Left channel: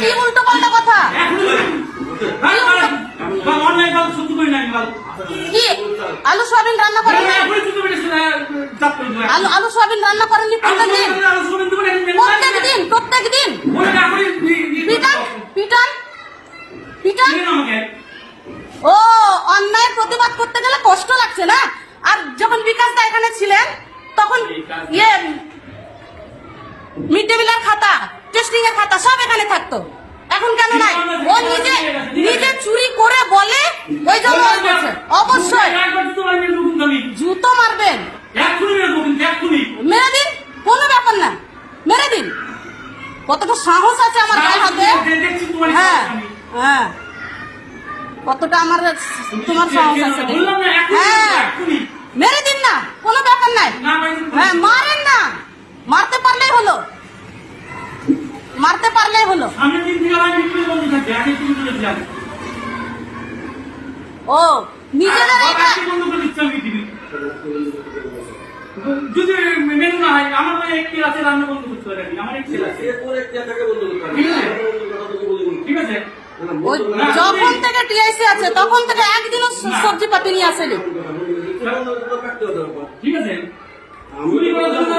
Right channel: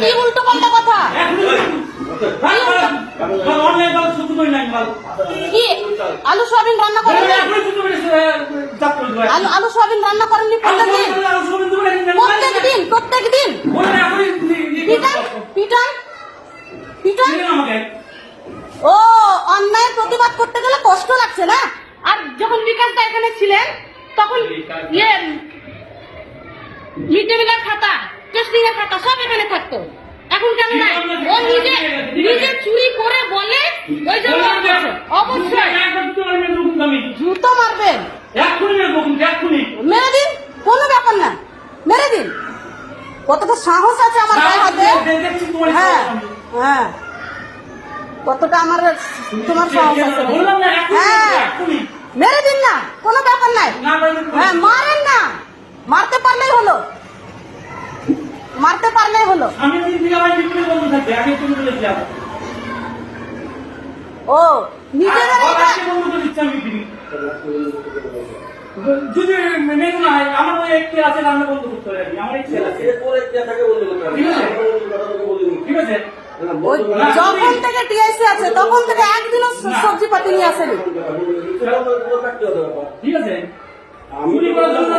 কি উল্টো পাল্টা কথা। কি আলু সোয়াবিন রান্না এখনই করেননি এখনই সহ্য করি না, চাপ করে দেবো। আলু আলু সোয়াবিন রান্না করেননি প্রত্যেক দিন প্রত্যেক দিন পিটান দিবেন আমাকে। ও অন্যায় প্রতিবাদ করতে গেলে কষ্ট লাগছে না আর যখন বিকাশ দা এখানে ছিলেন তখন ইয়ে এখানে থাকতো। এখন কেন নাই? ও নিজে নিজে চুরি করে বলে ওই জন্য। অবশ্যই। মেরে। জুতো মারবেন মেরে। মেরে দিন? কোনো ব্যাপার না। মেরে দিন। কতটা সাহস আছে আমার গায়ে হাতে হ্যাঁ হ্যাঁ। কতটা আমার তোমার সাহস আছে। মেরে হ্যাঁ। মেরে দিন। না কোনো ব্যাপার নাই। না পারি তো- হ্যাঁ মারেন না মারতে পারলেই হলো মারতে পারলেই হলো। সামনের দিন থেকে আমার বন্ধ আগে তুমি বলেছিলাম ও আজকে বন্ধ করে আমি পৃথিবী যদি মেনে না হয় আমার একটি আছে রান্না বন্ধ করতে আমার একটি আছে। ঠিক আছে? যখন থেকে টিআইসি আছে তখন থেকে একদিনও সবজি পাতি নিয়ে আসেনি। ঠিক আছে? চুরি করার জন্য